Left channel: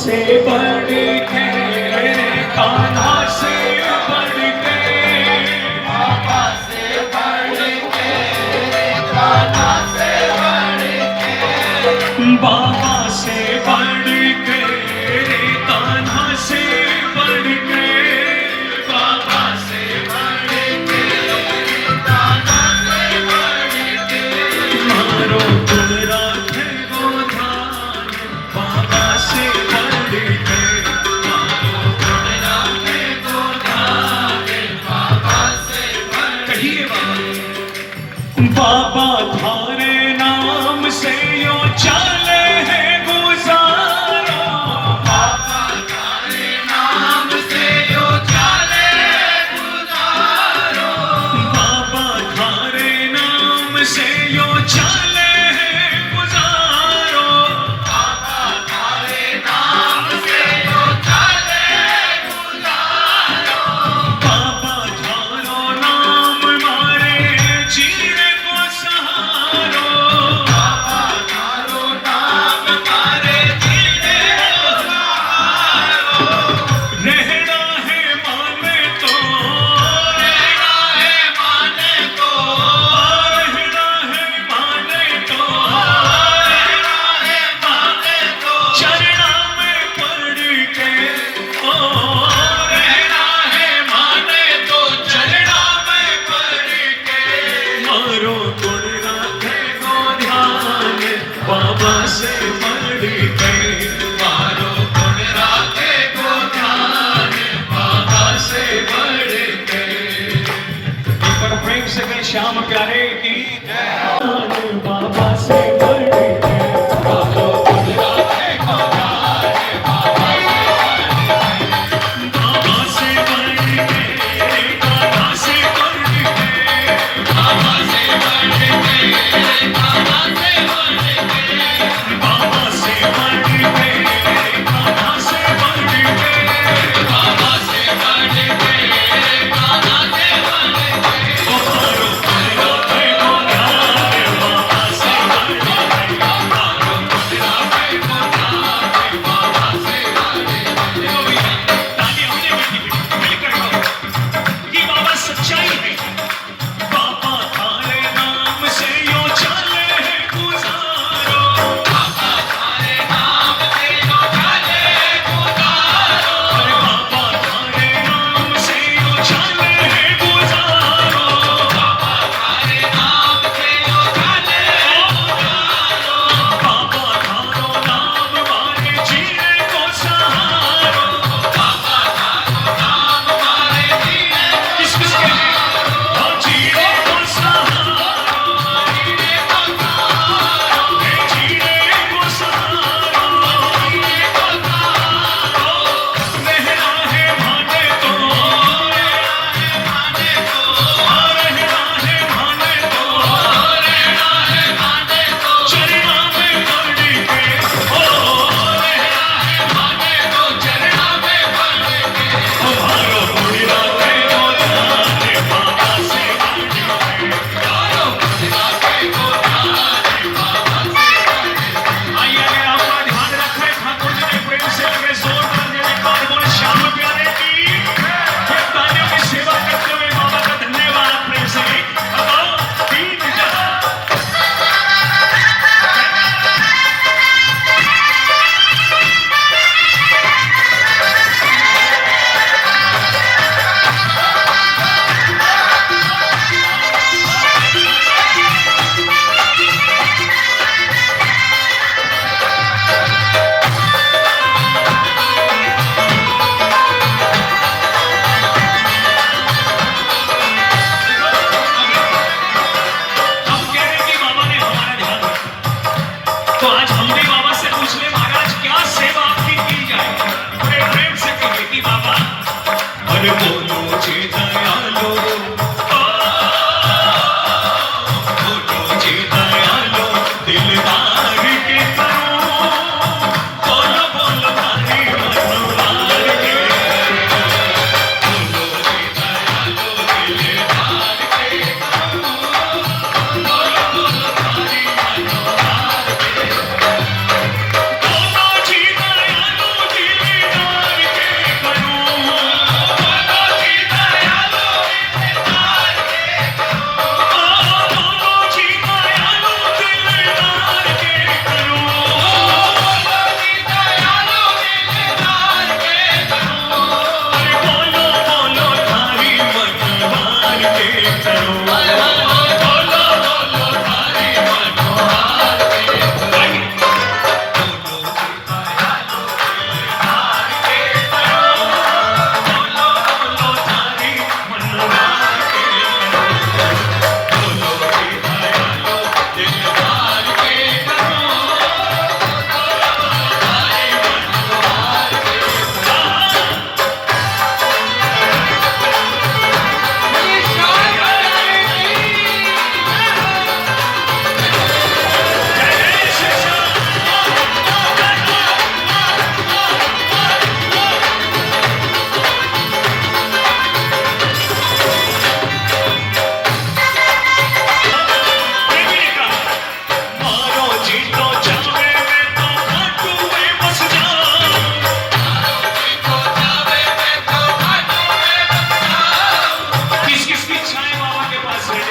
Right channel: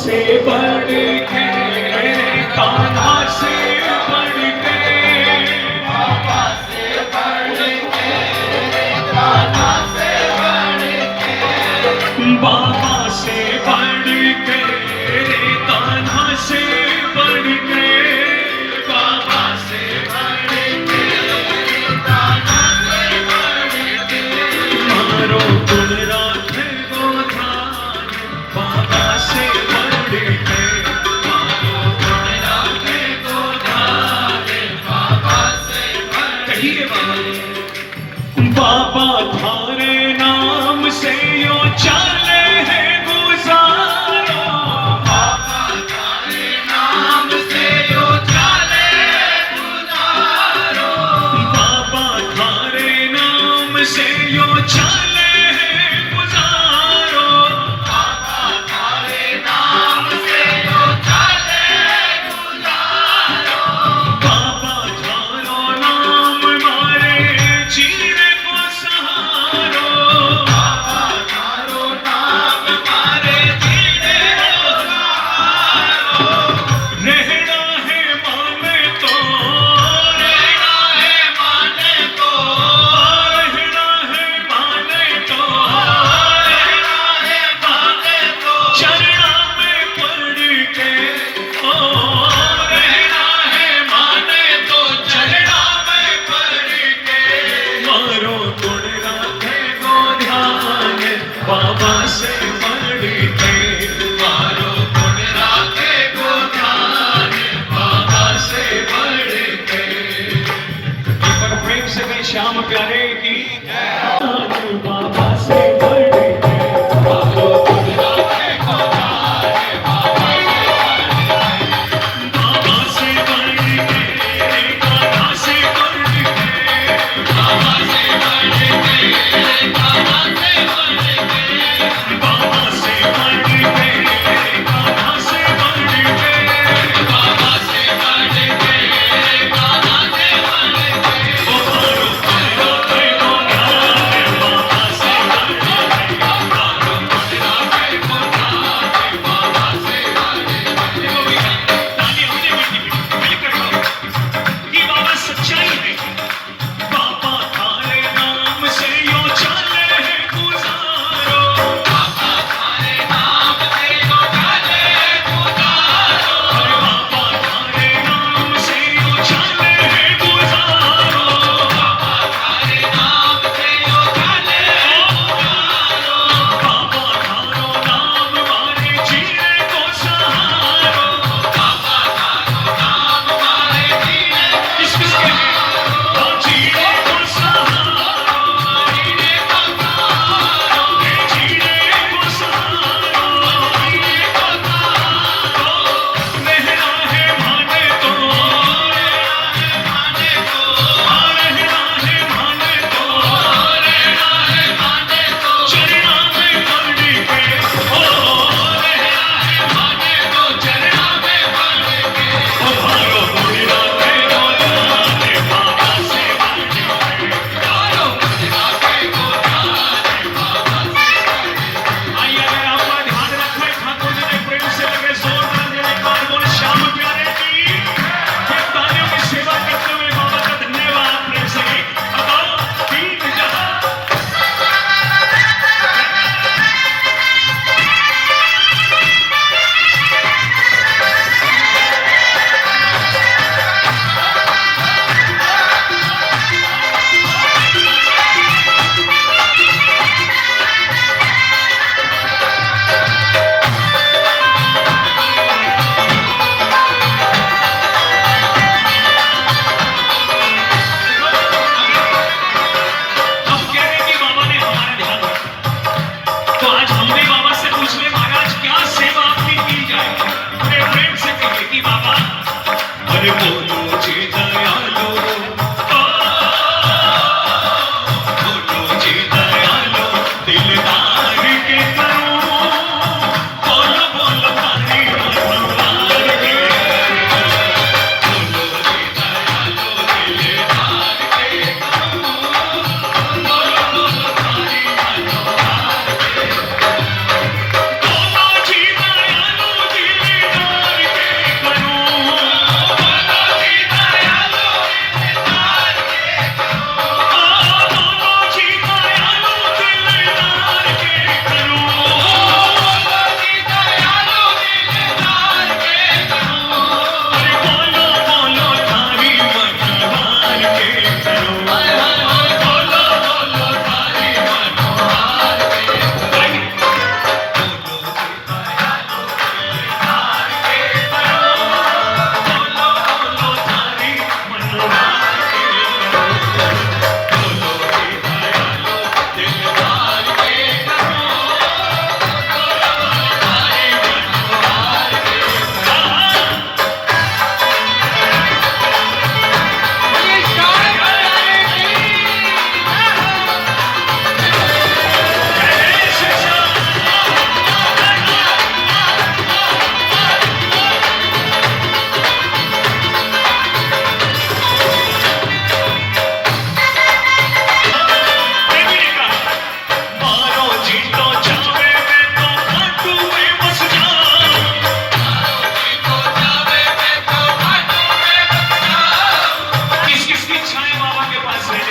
से बढ़ के कान्हा से बढ़ के बाबा से बढ़ के कान्हा से बढ़ के बाबा से बढ़ के कान्हा से बढ़ के बाबा से बढ़ के कान्हा से बढ़ के मारो कुल राखे गोधान बाबा से बढ़ के बाबा थारे नाम से यो चले हैं गुजारो बाबा थारे नाम से यो चले गुजारो बाबा थारे नाम से यो चले हैं गुजारो बाबा थारे नाम से यो चले गुजारो बाबा थारो नाम मारे जीने को सहारो बाबा थारो नाम मारे जीने को सहारो रहना है माने तो रहना है माने तो रहना है माने तो रहना है माने तो चरणा में पड़ के ओ रहना है माने तो चरणा में पड़ के मारो गुण राखे को ध्यान बाबा से बढ़ के मारो गुण राखे को ध्यान बाबा से बढ़ के एक बार प्रेम से कहें श्याम प्यारे की बाबा से बढ़ के मारो गुण राखे को ध्यान बाबा से बढ़ के बाबा से बढ़ के बाबा से बढ़ के बाबा से बढ़ के बाबा से बढ़ के बाबा से बढ़ के बाबा से बढ़ के बाबा से बढ़ के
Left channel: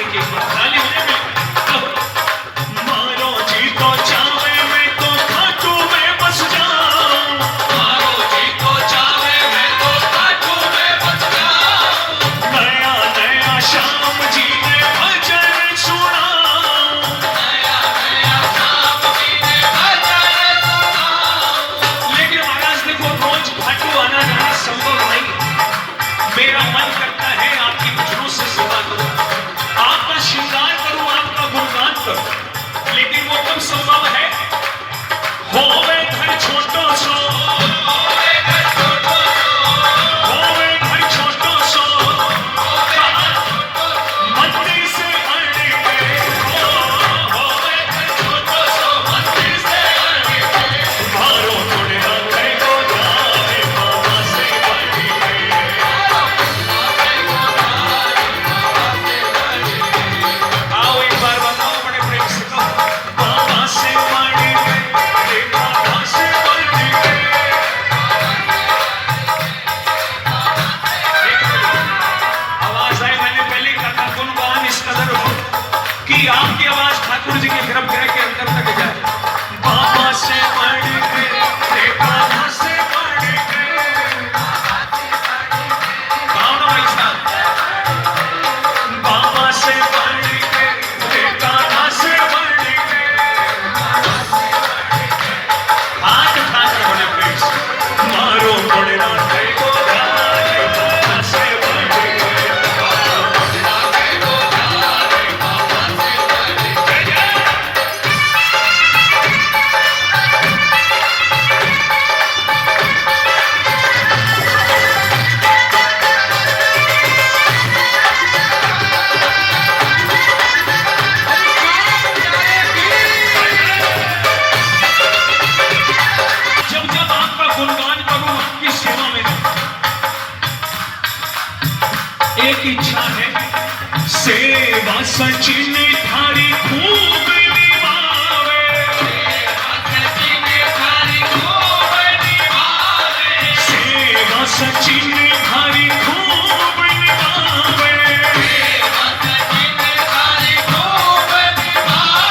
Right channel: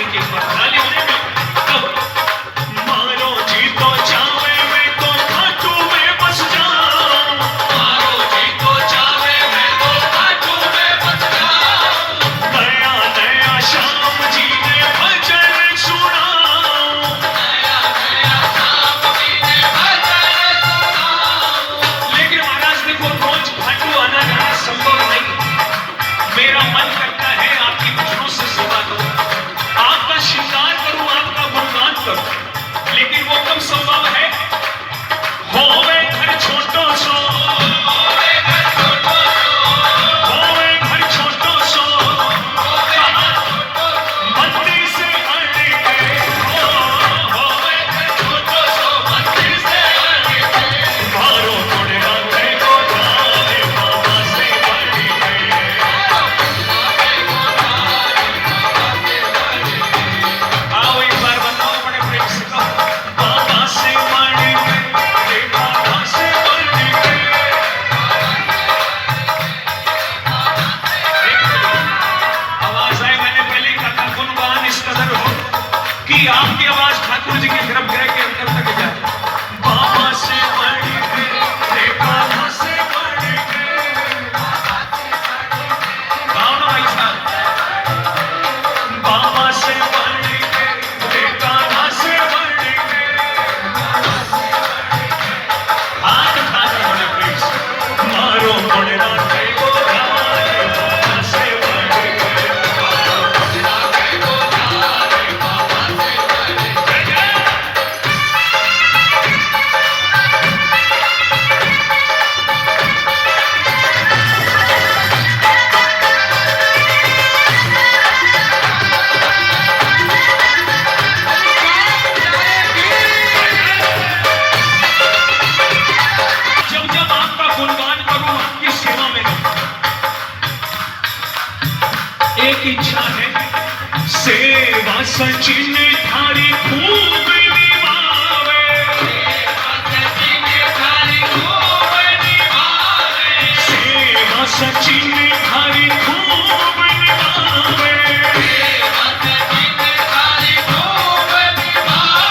एक एक बार ताली होने में मारो जी तो चाहे मैं तो खाटू में बस जाऊं मारो जी को चाहे मैं तो खाटू में बस जाऊं नया नया श्याम जी ने भजन सुनाऊं नया नया श्याम जी ने भजन सुनाऊं लेकिन महाराज देखो रोज खाटू आना जाना संभव नहीं मेरा मन करता है आपकी भजनों से सेवा करूं आपका श्रृंगार करूं आपका गुणगान करूं लेकिन वो कब संभव है होवे घर छोटो सो होवे घर छोटो सो मंदिर से आने के होवे घर छोटो सो मंदिर से आने के मारो मोरे रंगे को गाने बाबा से आने के आओ एक बार बताओ बड़े प्रेम से कहो बाबा से आने के बाबा से आने के आवाज आई मैंने पहले कहा था गुणगान इस कदर हो कि आपकी आवाज ठाकुर जी के गर्भगृह के अंदर तक जाए बाबा से आने के बाबा से आने के गाओ ना भाई साहब बाबा से आने के बाबा से आने के हाथ हाथ बड़े प्रेम से मारो बड़े रंगे को गाने बाबा से आने के जब जब आपका गुणगान करूं आपकी सेवा में एक इच्छा है सेवा सचिन थारी खूब निभावे सची में थारी खूब निभावे सेवा सचिन थारी खूब निभावे सची में थारी खूब निभावे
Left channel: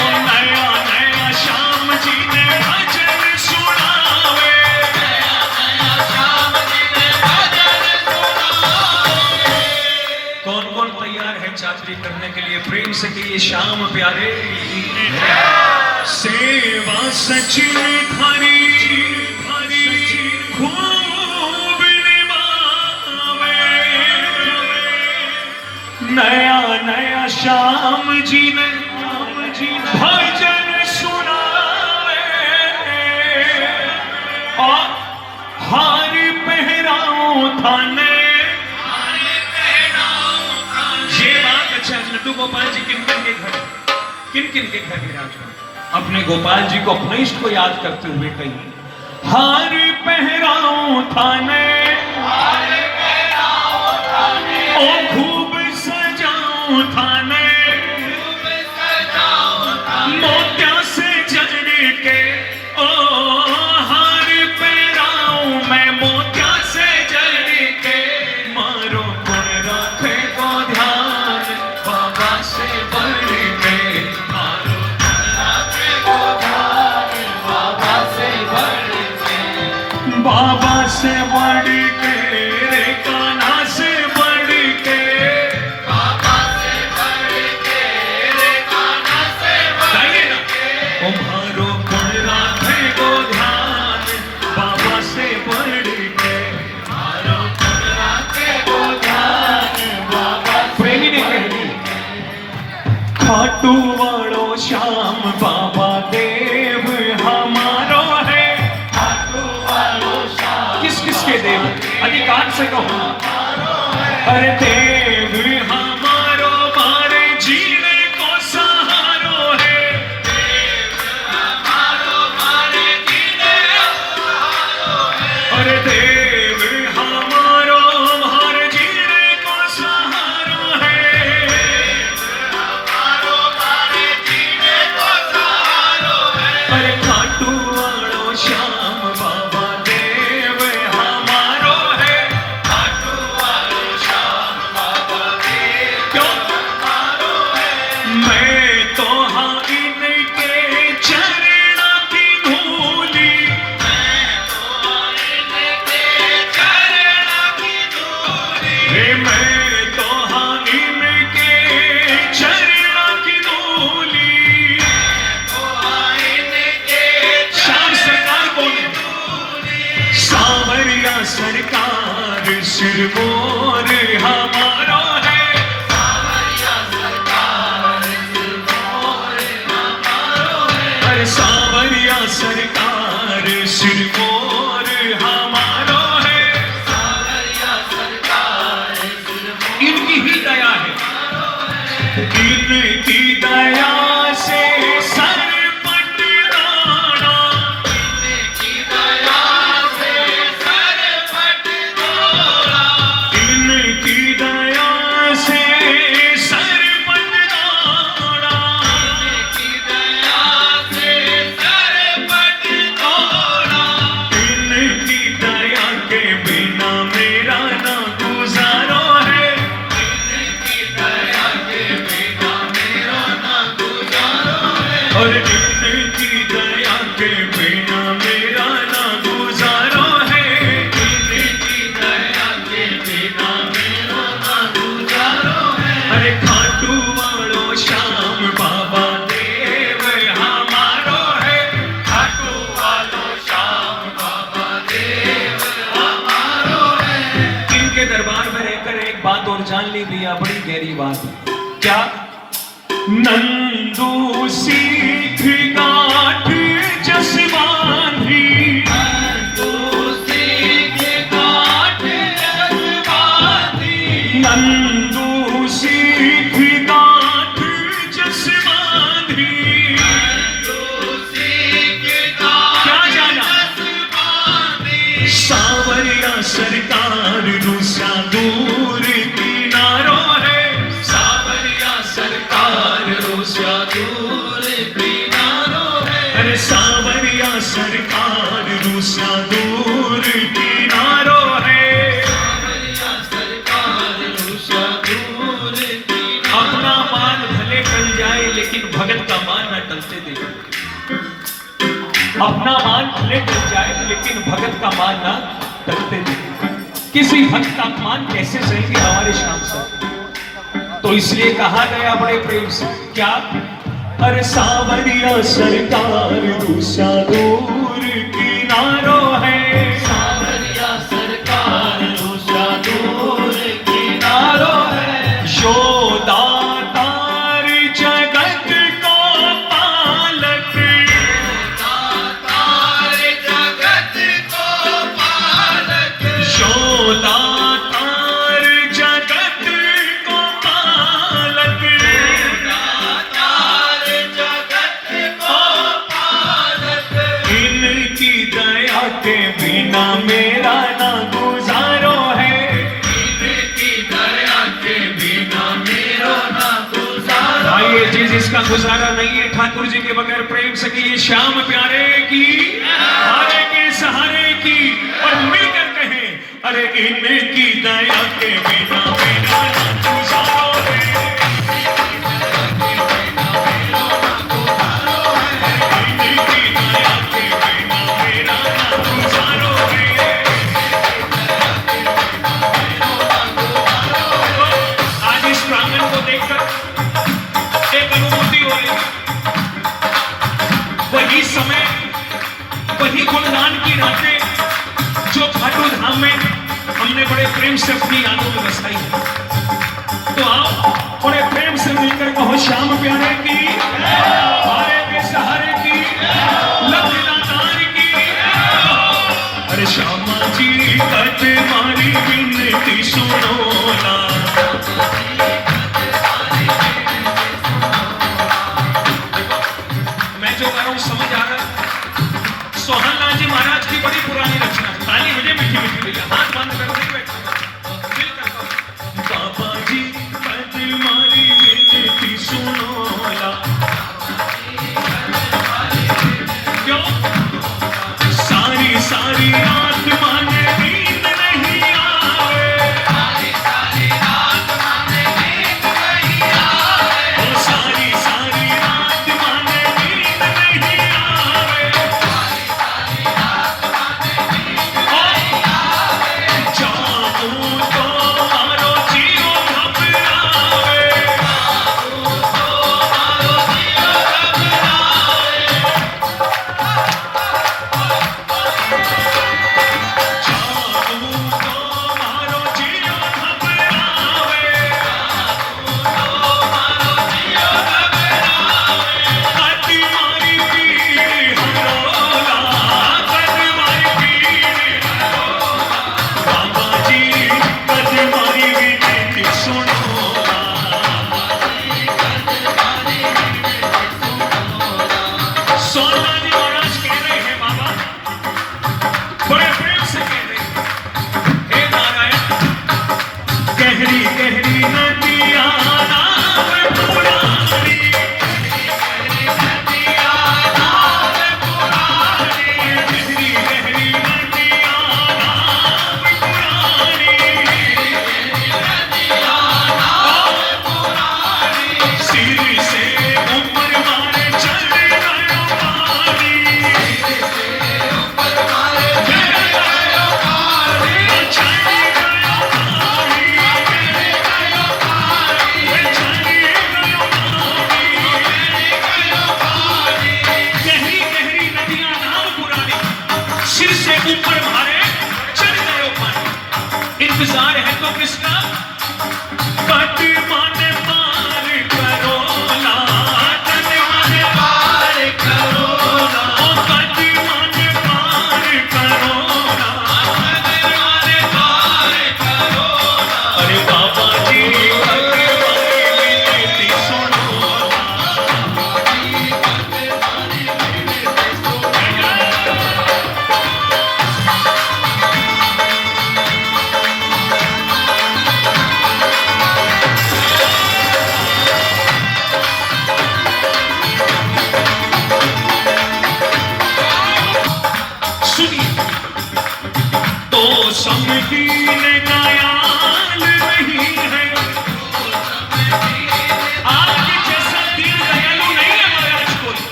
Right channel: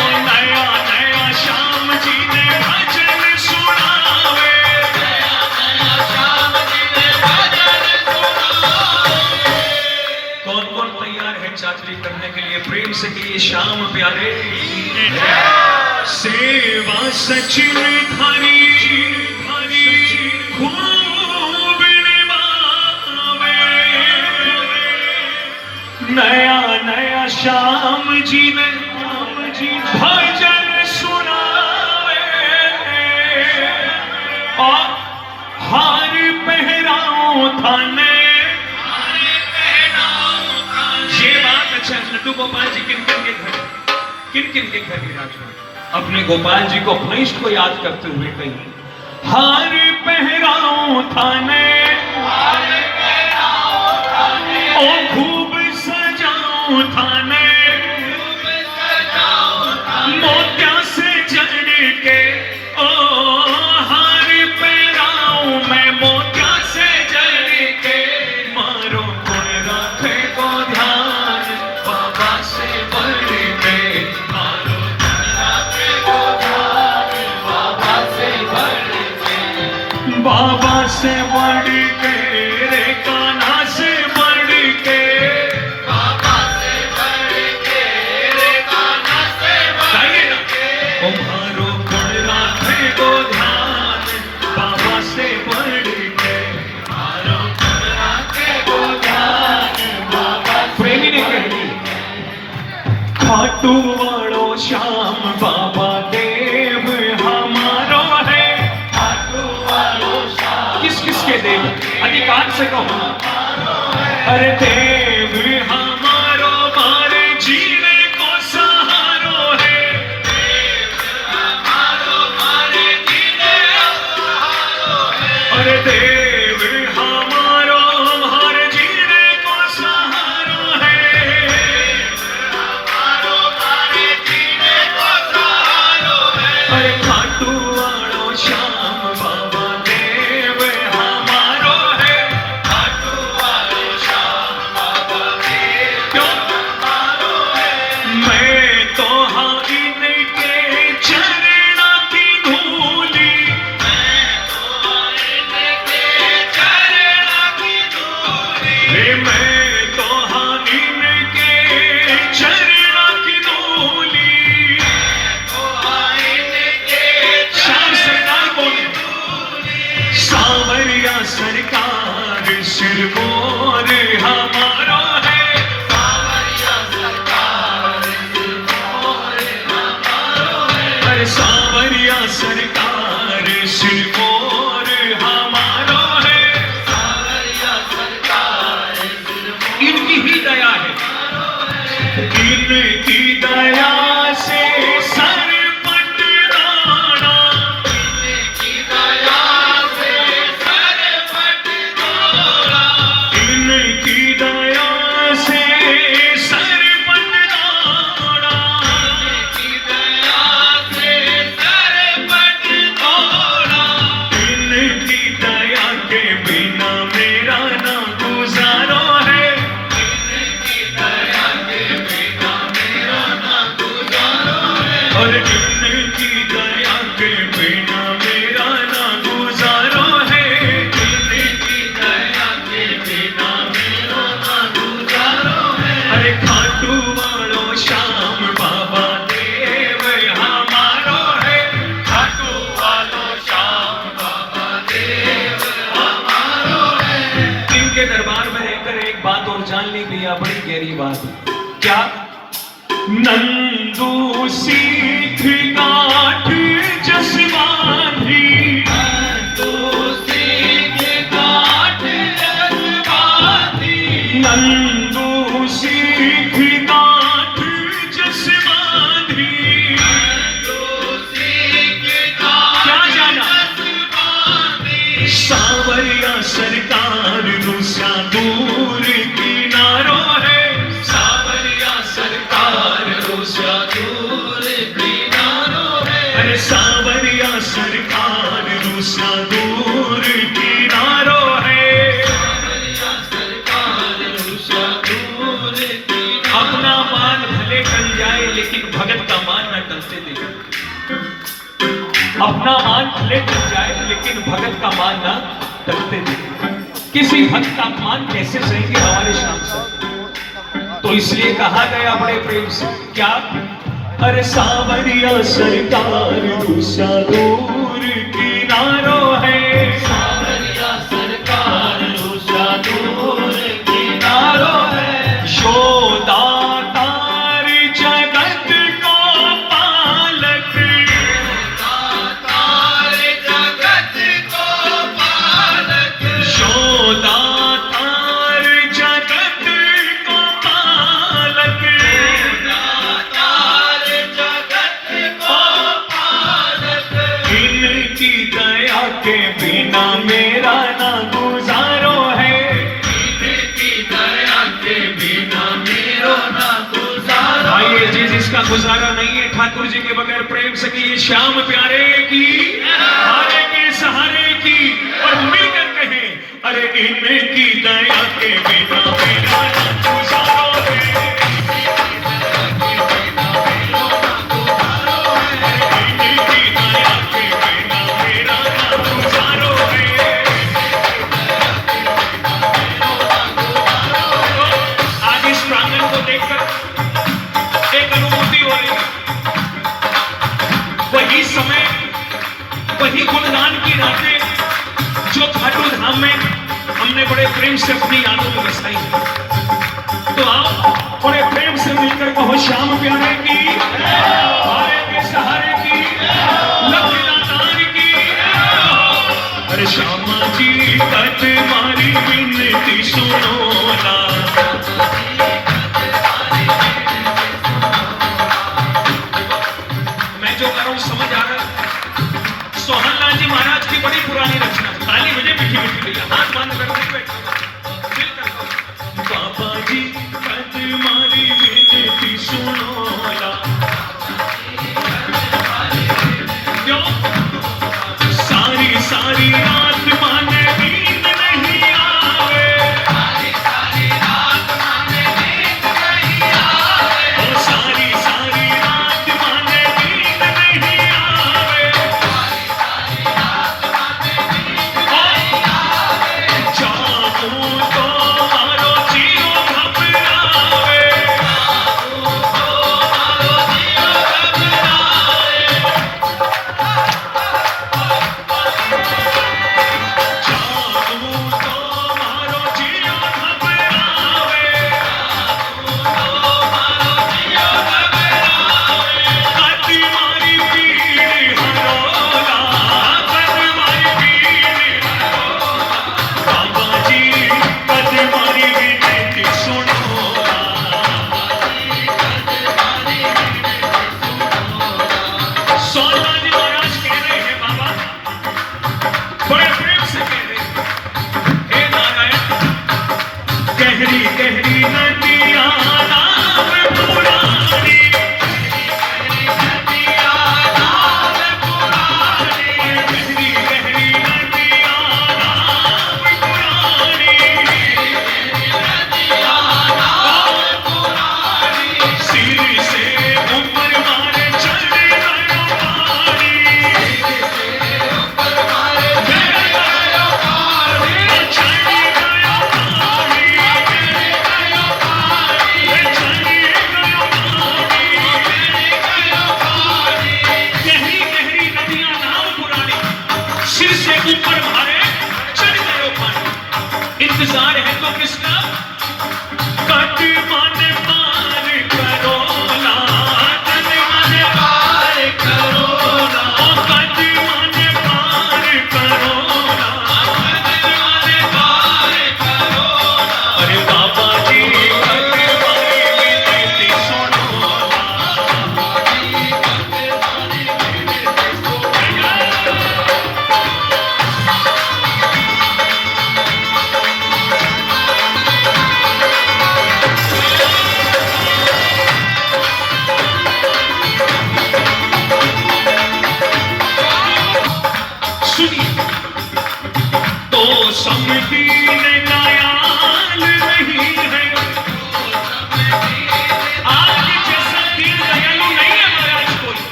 और नया नया श्याम जी ने भजन सुनावे नया श्याम जी ने भजन सुनावे कौन कौन तैयार है चाकरी करने के लिए प्रेम से कहिए श्याम प्यारे सेवा सचिन थारी खूब निभावे नया नया श्याम जी ने भजन सुनावे और हार पहराओ थाने ये बात अच्छा है लड्डू गोपाल जी किन किन के घर विराजमान अपने गोपाल जी को अपने इष्ट को याद करते हुए कहिए हार पहराओ थाने ओ खूब सजाओ थाने मोत्या से जड़ने के ओ हार पहराओ मैं मोत्या से जड़ने के मारो कोई रखे को ध्यान बाबा से बढ़ के मारो राखे को ध्यान बाबा से बढ़ के बाबा से बढ़ के रे कान्हा से बढ़ के बाबा से बढ़ के रे कान्हा से बढ़ के तुम्हारो गुण राखे को ध्यान बाबा से बढ़ के मारो राखे को ध्यान बाबा प्रेमी ने कही खाटू वालो श्याम बाबा देव हमारो है खाटू वालो श्याम किस किस के देव अधिकार से कहो अरे देव हमारो मारे जीने को सहारो है हमारो मारे जीने अरे देव हमारो हर जीने को सहारो है हमारो मारे जीने को सहारो है अरे खाटू वालो श्याम बाबा देव हमारो है खाटू वालो श्याम बाबा देव क्यों सरकार सिरमौर हमारा है। अरे सावरिया सरकार सिरमौर हमारा है। इनकी ही दया है, इनकी दया से सर पटदाना, इनकी दया से सर पटदाना, इनकी दया से सर पटदाना, इनकी दया से सर पटदाना, इनकी दया के बिना मेरा ना गुजारा है। और इनकी दया के बिना मेरा ना गुजारो है। इनकी दया के बिना मेरा ना गुजारो है। अरे खाटू वालो श्याम बाबा देव हमारो है। खाटू वालो श्याम बाबा देव हमारो है। इनके दरबार में रहकर एक बात और जान ली भैया, बड़ी गहरी बात। क्या? नंदू सीख गाठ जसमानी, नंदू सीख गाठ जसमानी, नंदू सीख गाठ जसमानी, नंदू सीख गाठ जसमानी। सावरिया सरकार दूसरा दूर किनारो है। सावरिया सरकार दूसरा दूर किनारो है। अरे सावरिया सरकार दूसरा दूर किनारो है। सावरिया सरकार दूसरा दूर किनारो। अपना मान भले टल जाए लेकिन भगत का मान न टलते देखे। अपना मान भले टल जाए लेकिन भगत का मान न टलते देखे। किसी भक्त का मान कैसे सहेंगे हमारे श्याम सर? तो इसलिए कहा गया बड़े प्रेम से, क्या? अरे सावरिया सरकार दूसरा दूर किनारो है। सावरिया सरकार दूसरा दूर किनारो है। यशोदा तार जगत को पालक, तार जगत को पालक, यशोदा तार जगत को पालक, तार जगत को पालक। इनकी दया के बिना मेरा ना गुजारो है। इनकी दया के बिना मेरा ना गुजारो। आइए जी, जिसका गुजारा नहीं है ठाकुर जी के बगैर प्रेम से कि श्याम प्यारे की, हारे के सहारे की, और मिलकर कहें अरे इनकी दया के बिना मेरा ना गुजारो है। इनकी दया के बिना मेरा ना गुजारो है। आज इस प्रांगण को देखकर एक अनुभूति हो रही। वही समय, वही गुणगान की रातें जो खाटू धाम में हमने बड़े प्रेम से अपनी यादों में बसाई है। तो आओ बड़े प्रेम से मिलकर कहो श्याम प्यारे की, हारे के सहारे की, लखनदार की। अरे श्यामा जी कट मारी विनती सुनो ना। मैं जो कर रहा हूं समझ आ रहा? सोहनलाल जी महाराज की बड़ी पुरानी रचना, ताली मुझे मीठी मीठी लगी। हाथ बंद कर बैठा बाबा जी कट मारी विनती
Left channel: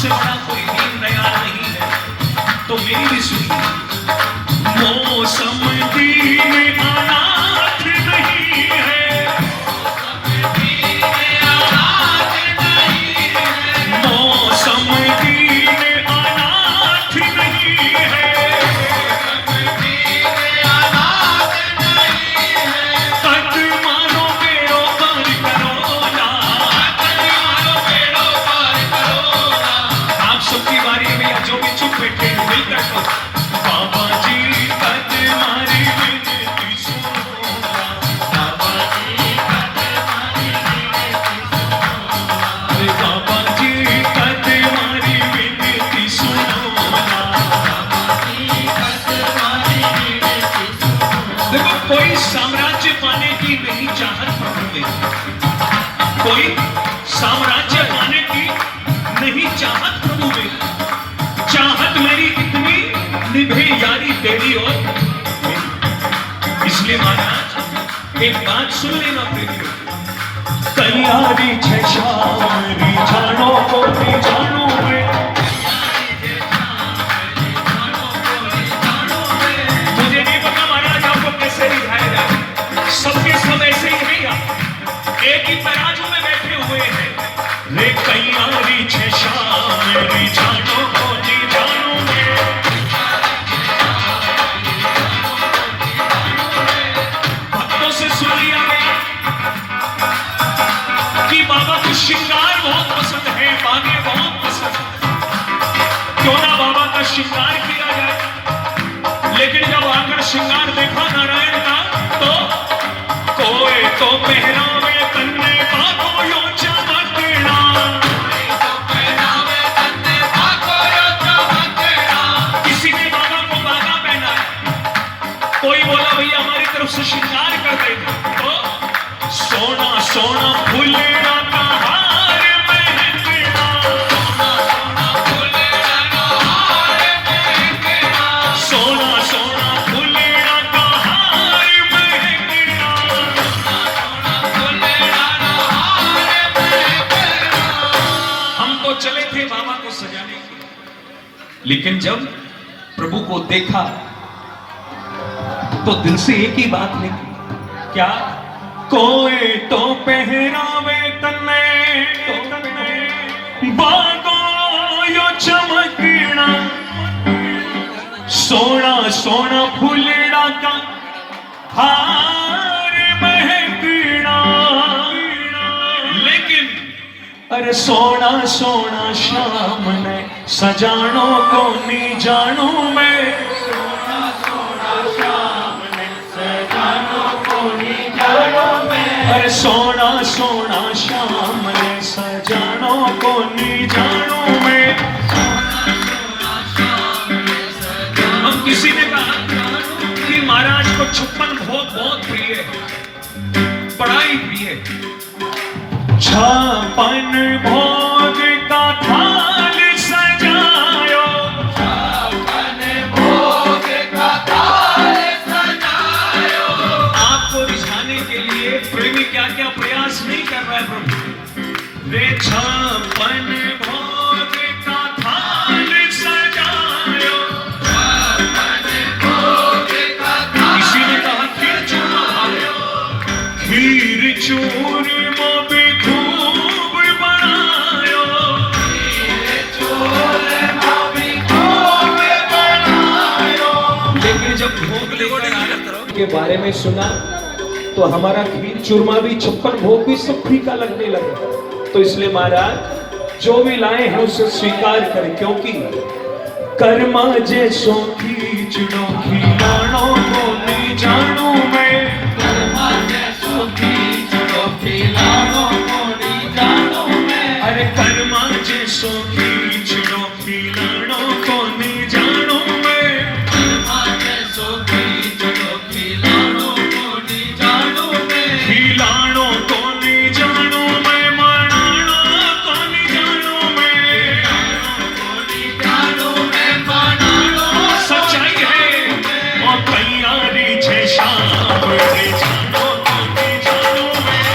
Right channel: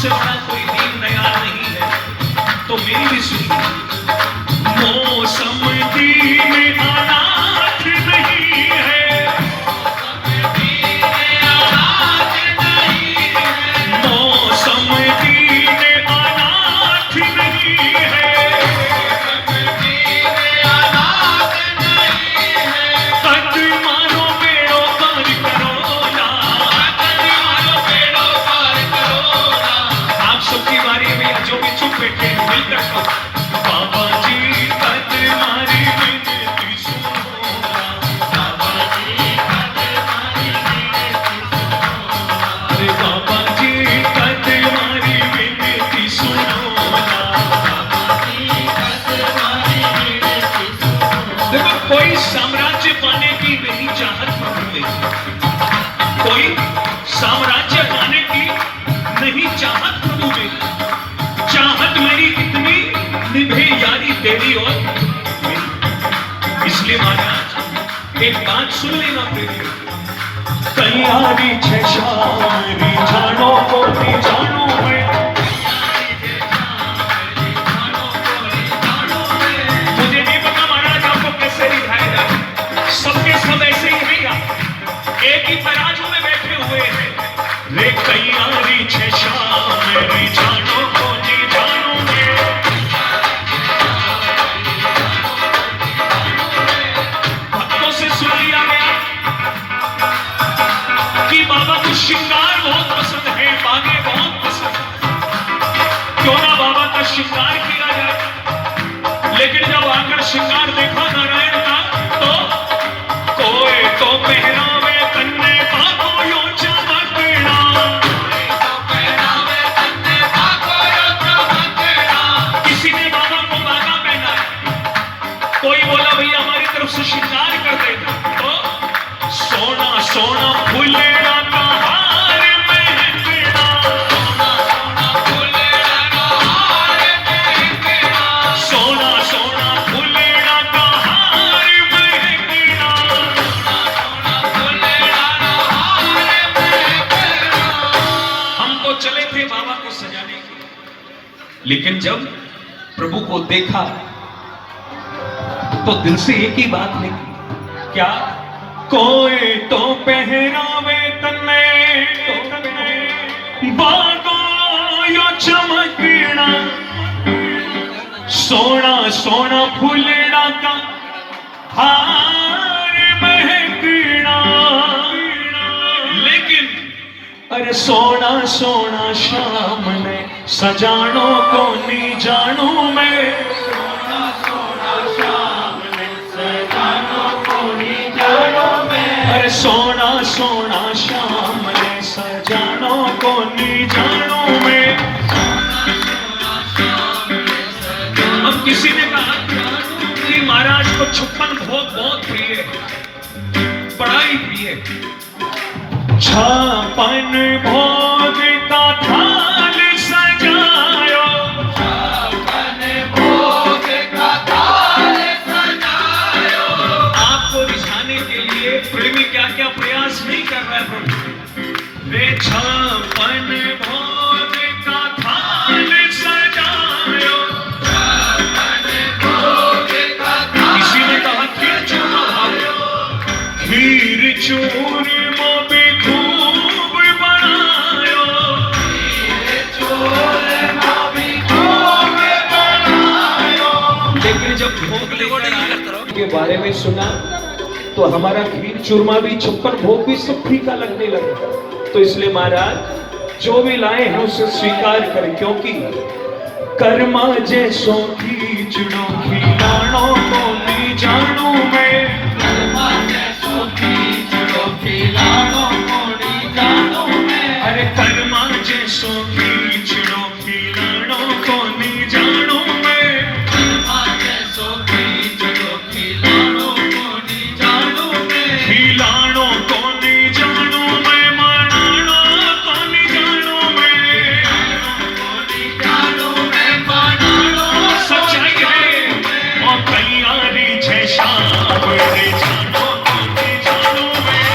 उससे बड़ा कोई दीनदयाल नहीं है। तो मेरी भी सुनिए, मौसम दीन अनाथ नहीं है, मौसम दीन अनाथ नहीं है, कद मानो बेड़ो पार करोना, आप सबकी बारी में जो भी चुप बैठे हैं मिलकर कहो, बाबा जी कद मारी विनती सुनो, बाबा जी कद मारी विनती सुनो, अरे बाबा जी कद मारी विनती सुनो, बाबा जी कद मारी विनती सुनो। देखो, कोई साम्राज्य पाने की नहीं चाहत प्रभु में, कोई साम्राज्य पाने की नहीं चाहत प्रभु में, चाहत मेरी इतनी निभे यारी तेरी और मेरी। इसलिए महाराज एक बात सुन लेना तेरी, तैयारी छे शारी जानो को भी जानोगे, मुझे नहीं पता महाराज आपको कैसे रिझाएगा, सबके सब ऐसे ही भैया एक ही तराजू में बैठे हुए हैं। रे तैयारी छे शारी जानो को भी जानोगे, भक्तों से सुनिए कि बाबा को श्रृंगार बहुत पसंद है, बागे बहुत पसंद है, क्यों ना बाबा का श्रृंगार किया जाए। लेकिन जब आकर श्रृंगार देखा नारायण का, तो कोई तो पहरावे कन्ने पाको यो चमकना, किसी ने बाबा को बागा पहना, कोई बोला भैया हमारी तरफ से श्रृंगार कर दे, तो सोना सोना फूलेड़ा का हार महकना, सोना सोना फूलेड़ा का हार महकना, हम तो चले थे बाबा को सजाने के लिए, लेकिन जब प्रभु को देखा तो दिल से एक ही बात निकली, क्या? कोई तो पहरावे तन्ने बागो यो चमकना, सोना सोना फूलेड़ा का हार महकना, लेकिन अरे सोना सोना शाम ने सजानो को नहीं जानू मैं, अरे सोना सोना शाम ने सजानो को नहीं जानू मैं। अब किसी ने कहा कि महाराज को 56 भोग बहुत प्रिय है, बड़ा ही प्रिय है। 56 भोग का थाल सजायो, 56 भोग का थाल सजायो, आपको रिझाने के लिए प्रेमी क्या क्या प्रयास नहीं कर रहा है। वे 56 भोग का थाल सजायो, 56 भोग का थाल, किसी ने कहा खीर चूरमा भालो, खीर चूरमा भी खूब बनायो, खीर चूरमा भी खूब बनायो। लेकिन जब भोग लेकर के बारे में सुना तो हमारा खीर चूरमा भी 56 भोग भी सब फीका लगने लगा। तो इसलिए महाराज जो भी लाए हैं उसे स्वीकार करें, क्योंकि कर्मा जैसो खींचड़ो खिलाड़ो को नहीं जानू मैं, कर्मा जैसो खींचड़ो खिलाड़ो को नहीं जानू मैं, अरे कर्मा जैसो खींचड़ो खिलाड़ो को नहीं जानू मैं, कर्मा जैसो खींचड़ो खिलाड़ो को नहीं जानू मैं, खिलाड़ो को नहीं जानू मैं, मनाड़ो को नहीं जानू मैं, जानू मैं मनाड़ो। सच्चाई है और तैयारी छे शाम रे जानो को नहीं जानू मैं,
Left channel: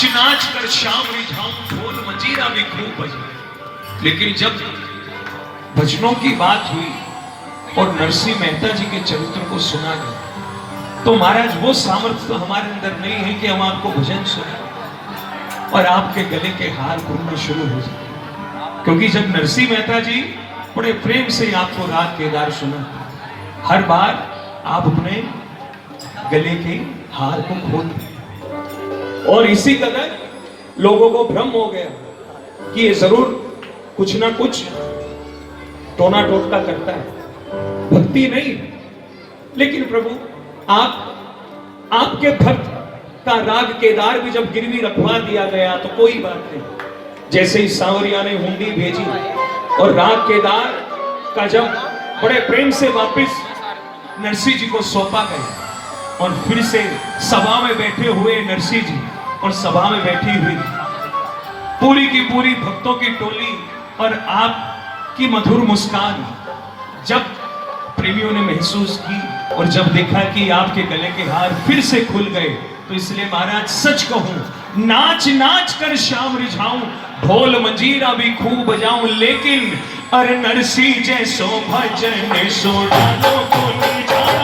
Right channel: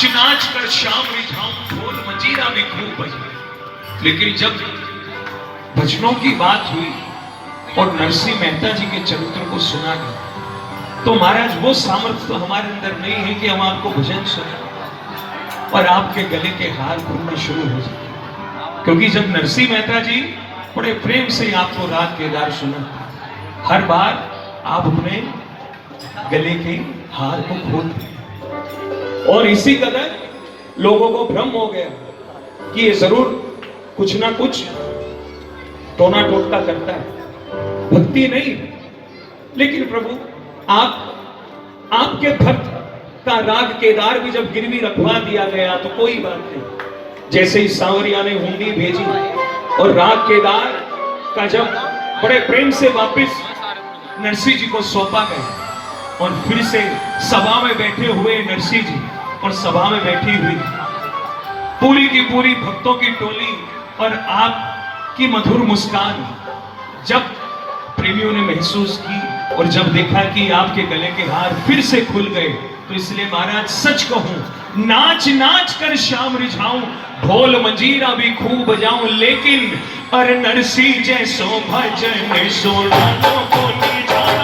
नाच नाच कर शाम रिझाऊं, ढोल मंजीरा भी खूब बजाए। लेकिन जब भजनों की बात हुई और नरसिंह मेहता जी के चरित्र को सुना गया, तो महाराज वो सामर्थ्य तो हमारे अंदर नहीं है कि हम आपको भजन सुनाएं और आपके गले के हार खुलना शुरू हो जाए। क्योंकि जब नरसिंह मेहता जी बड़े प्रेम से आपको राग केदार सुना, हर बार आप अपने गले के हार को खोल दिए और इसी कदर लोगों को भ्रम हो गया कि ये जरूर कुछ ना कुछ टोना टोटका करता है, भक्ति नहीं। लेकिन प्रभु आपके भक्त का राग केदार भी जब गिरवी रखवा दिया गया तो कोई बात नहीं। जैसे ही सांवरिया ने हुंडी भेजी और राग केदार का जब बड़े प्रेम से वापस नरसिंह जी को सौंपा गया और फिर से सभा में बैठे हुए नरसिंह जी और सभा में बैठी हुई पूरी की पूरी भक्तों की टोली और आपकी मधुर मुस्कान जब प्रेमियों ने महसूस की और जब देखा कि आपके गले के हार फिर से खुल गए, तो इसलिए महाराज सच कहूं, नाच नाच कर शाम रिझाऊं, ढोल मंजीरा भी खूब बजाऊं, लेकिन अरे नरसिंह जैसो भजन सुना लो।